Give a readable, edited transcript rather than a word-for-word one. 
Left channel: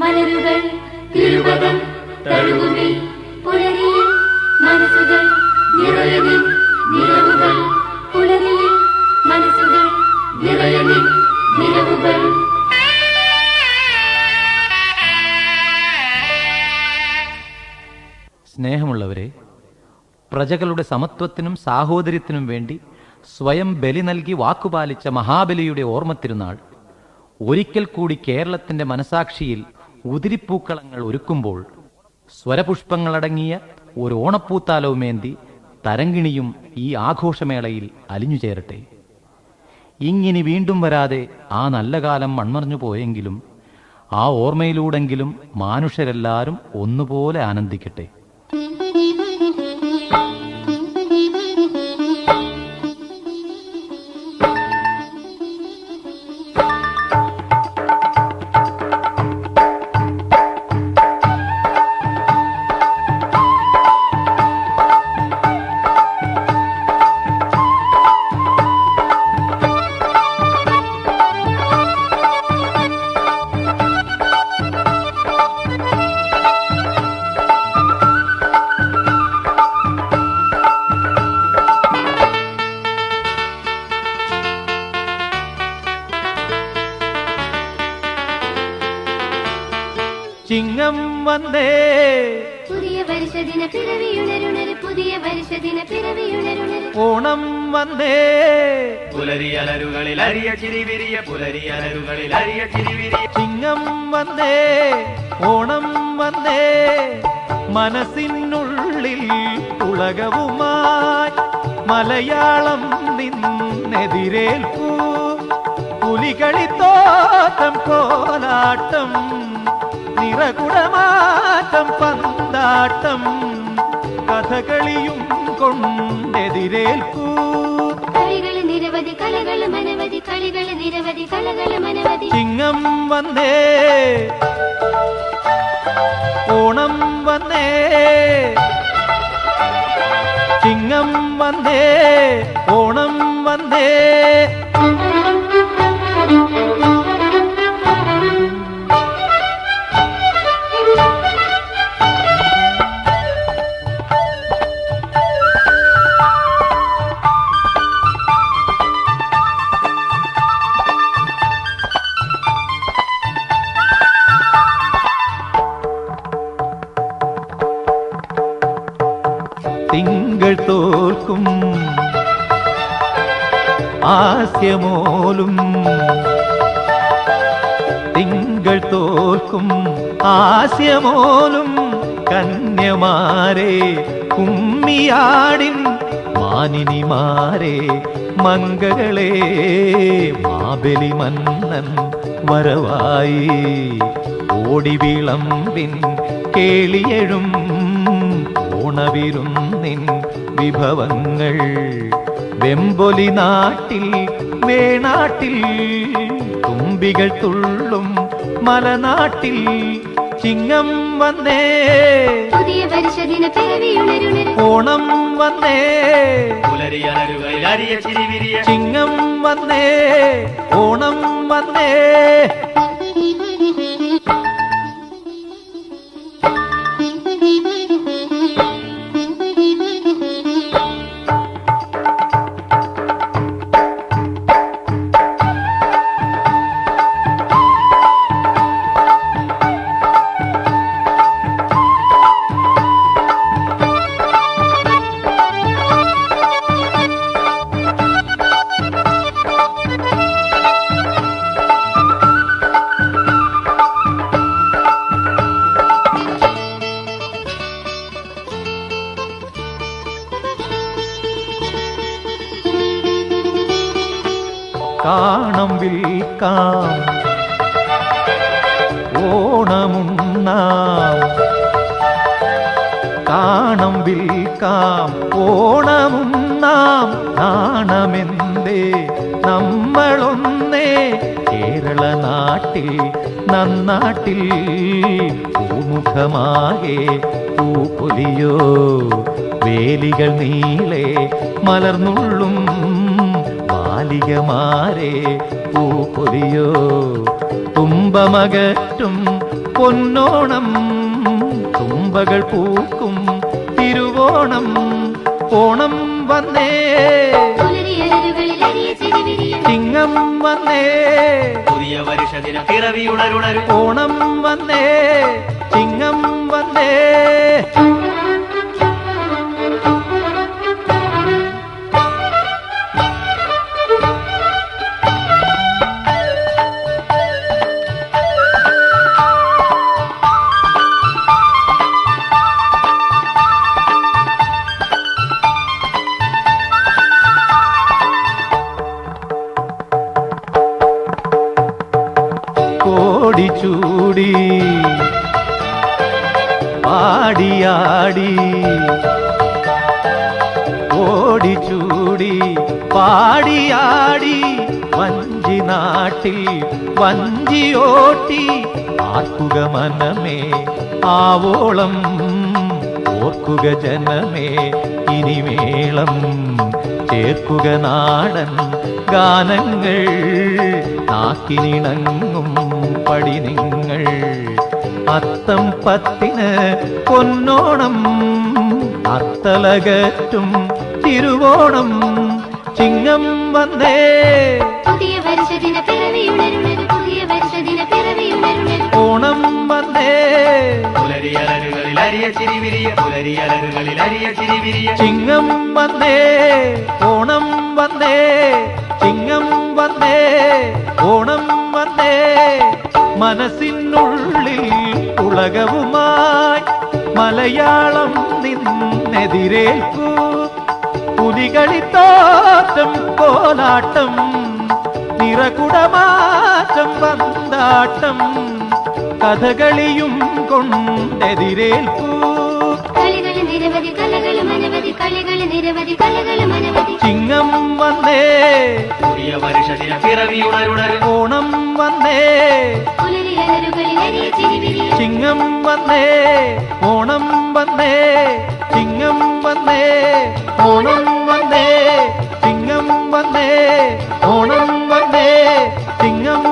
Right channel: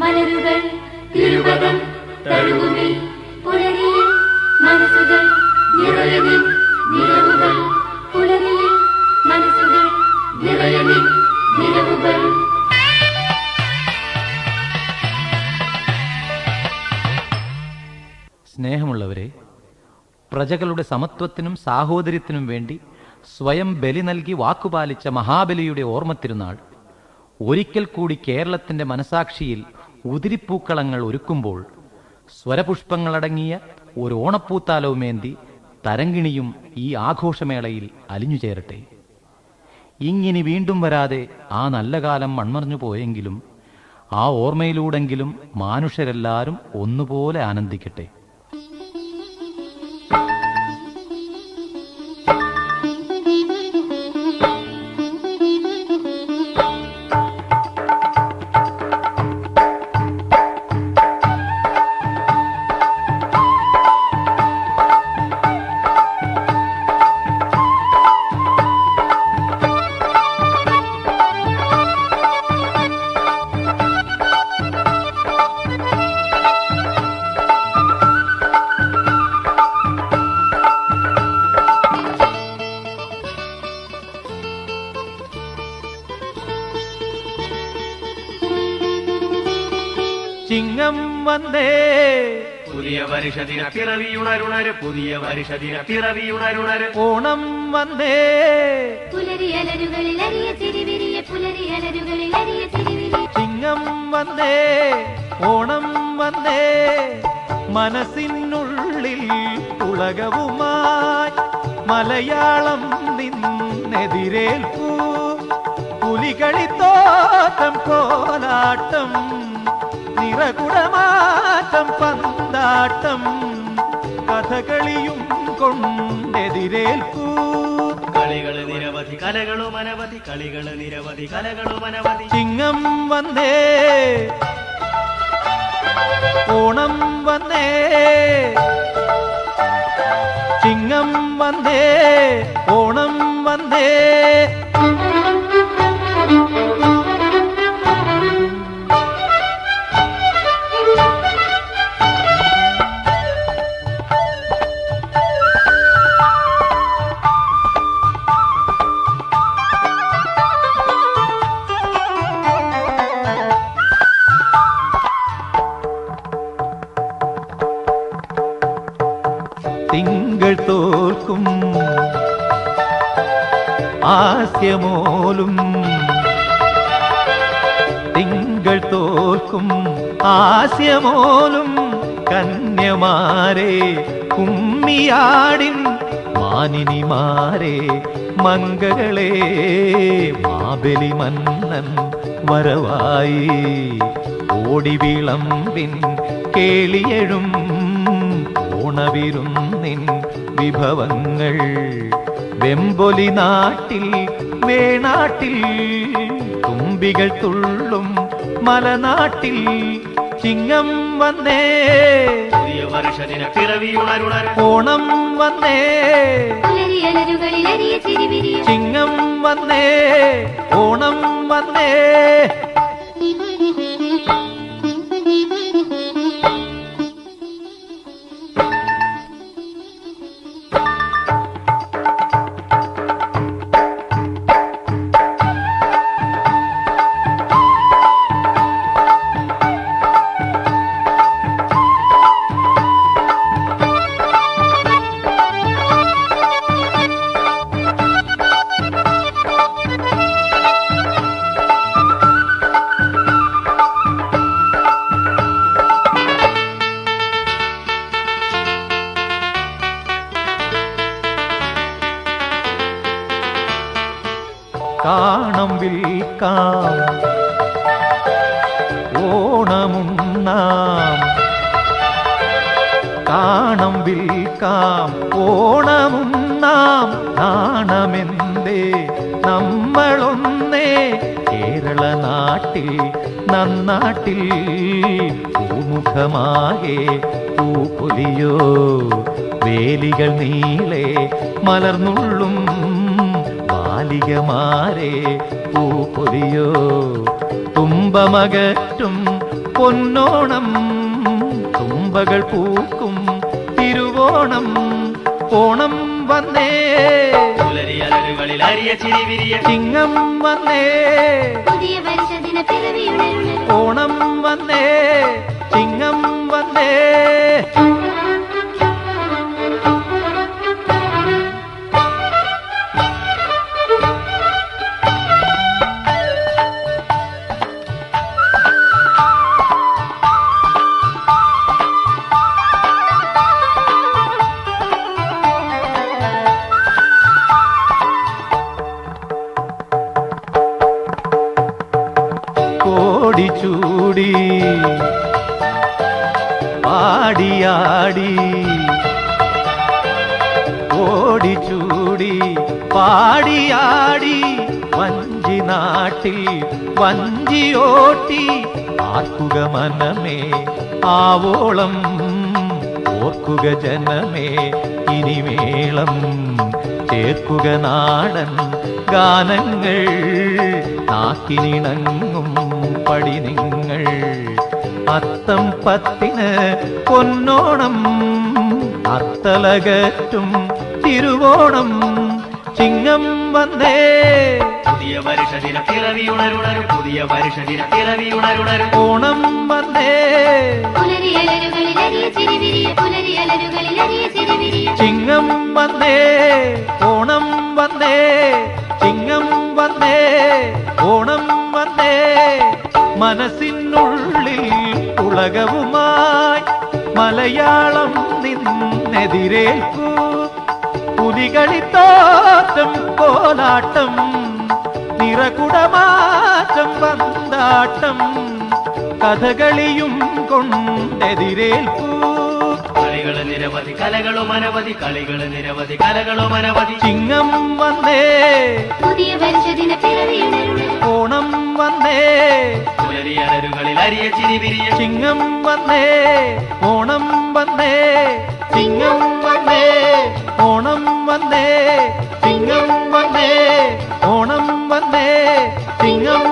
മലരുകൾ തിരുവതൻ തഴുകുമി പുലരിയിൽ മനസ്സുകൾ നിറയനിൽ നിലവുകൾ പുലരിയിൽ മനസ്സുകൾ നിറയനിൽ നിലവുകൾ. സ്നേഹമുള്ളവരെ, പ്രജകളുടെ സമത്വത്തിനും സാഹോദര്യത്തിനും വേണ്ടി സ്വയം ബലി നൽകി വാക്കുപാലിച്ച മഹാബലിയുടെ ഓർമ്മത്തിരുന്നാൾ ഒരിക്കൽ കൂടി കേരളത്തിന്റെ മനസാക്ഷിയിൽ ഉതിരിപ്പൂക്കളങ്ങൾ ഒരുക്കുമ്പോൾ സ്വരപുഷ്പങ്ങളടങ്ങിയ ഒരു ഓണപ്പൂത്താലവുമേന്തി തരങ്കിണിയും ഈ ആഘോഷമേളയിൽ അലിഞ്ഞുചേരട്ടെ. ഇങ്ങിനി വീണ്ടും വരാതെ ആ നല്ല കാലം മൺമറഞ്ഞു പോയെങ്കിലും ആ ഓർമ്മയിലൂടെങ്കിലും മാനുഷരെല്ലാവരും ഒന്നുപോലെ ആനന്ദിക്കട്ടെ. ചിങ്ങം വന്നേ പുതിയ പരിഷദിന പിറവിയുണരുണര്, പുതിയ പരിഷദിന പിറവിയുണരുണര്. ഓണം വന്നേ പുലരിയലരുകളിൽ അരിയ ചിരിവിരിയ, പുലരിയലരുകളിൽ അരിയ ചിരിവിരിയ. ചിങ്ങം വന്നേ ഓണം വന്നേ മനസ്സിനുള്ളിൽ ഉലകവുമായി മലയാളം നിന്നെതിരേൽപ്പൂ. പുലികളിത്തോട്ടം കോലാട്ടം നിറകുടമാറ്റം പന്താട്ടം കഥകളിയും കൊണ്ടെതിരേൽപ്പൂ. കളികൾ നിരവധി, കലകൾ മനവധി, കളികൾ നിരവധി, കലകൾ മനവധി. ചിങ്ങം വന്നേ ഓണം വന്നേ ചിങ്ങം വന്നേ ഓണം വന്നേ. തിങ്കൾ തോൽക്കും ആസ്യമോലും, തിങ്കൾ തോൽക്കും ആസ്യമോലും കന്യമാരെ കുമ്മിയാടിൻ മാനിനിമാരെ മംഗളെ മാബലി മന്നൻ വരവായി. ഓടി വിളമ്പിൻ കേളിയഴും ഓണവിരുന്നിൻ വിഭവങ്ങൾ വെമ്പൊലി നാട്ടിൽ വേണാട്ടിൽ തുമ്പികൾ തുള്ളും മലനാട്ടിൽ. ചിങ്ങം വന്നേ പുതിയ പരിഷദിന പിറവിയുണരുണര്, ഓണം വന്നേ പുലരിയലരുകളിൽ അരിയ ചിരിവിരിയ. ചിങ്ങം വന്നേ ഓണം വന്നേ. കാണം വിൽക്കാം ഓണമുണ്ണാം, കാണം വിൽക്കാം ഓണമുണ്ണാം. നാണമെന്തേ നമ്മളൊന്നേ കേരള നാട്ടിൽ നന്നാട്ടിൽ. പൂമുഖമാകെ പൂപ്പൊലിയോ വേലികൾ നീളെ മലർന്നുള്ളും ബാലികമാരെ പൂപ്പൊലിയോ തുമ്പമകറ്റും പൊന്നോണം തുമ്പകൾ പൂക്കും തിരുവോണം ഓണം വന്നേ പുലരിയഴകുകളിൽ അരിയ ചിരി വിരിയ ചിങ്ങം വന്നേ പുതിയ വർഷദിന പിറവി ഉണരുണരും ഓണം വന്നേ ചിങ്ങം വന്നേ കോടിച്ചൂടി പാടിയാടി ഓടിച്ചൂടി പാടിയാടി വഞ്ചി നാട്ടിൽ വഞ്ചിയോട്ടി ആർക്കുക മനമേ ആവോളം ഓർക്കുക ജനമേ ഇനിമേളം ചേർക്കുക നാടൻ ഗാനങ്ങൾ നാക്കിനിണങ്ങും പടി നിങ്ങൾ അത്തം പത്തിന് പൊന്നോണം അത്തലകറ്റും തിരുവോണം ചിങ്ങം വന്നേ പുതിയ വർഷദിന പിറവി ഉണരുണരും പുതിയ വർഷദിന പിറവി ഉണരുണരും ഓണം വന്നേ പുലരിയഴകുകളിൽ അരിയ ചിരി വിരിയ പുലരിയഴകുകളിൽ അരിയ ചിരി വിരിയ ചിങ്ങം വന്നേ ഓണം വന്നേ ചിങ്ങം വന്നേ ഓണം വന്നേ മനസ്സിനുള്ളിൽ ഉലകവുമായി മലയാളം നിന്നെതിരേൽക്കൂ പുലികളിത്താട്ടം കോലാട്ടം നിറകുടമാറ്റം വന്താട്ടം കഥകളിയും കൊണ്ടെതിരേൽക്കൂ കളികളും നിരവധി കലകളും അനവധി കളികളും നിരവധി കലകളും അനവധി ചിങ്ങം വന്നേ പുതിയ വർഷദിന പിറവി ഉണരുണരും ഓണം വന്നേ പുലരിയഴകുകളിൽ അരിയ ചിരി വിരിയ ചിങ്ങം വന്നേ ഓണം വന്നേ ചിങ്ങം വന്നേ ഓണം വന്നേ ചിങ്ങം വന്നേ ഓണം വന്നേ ചിങ്ങം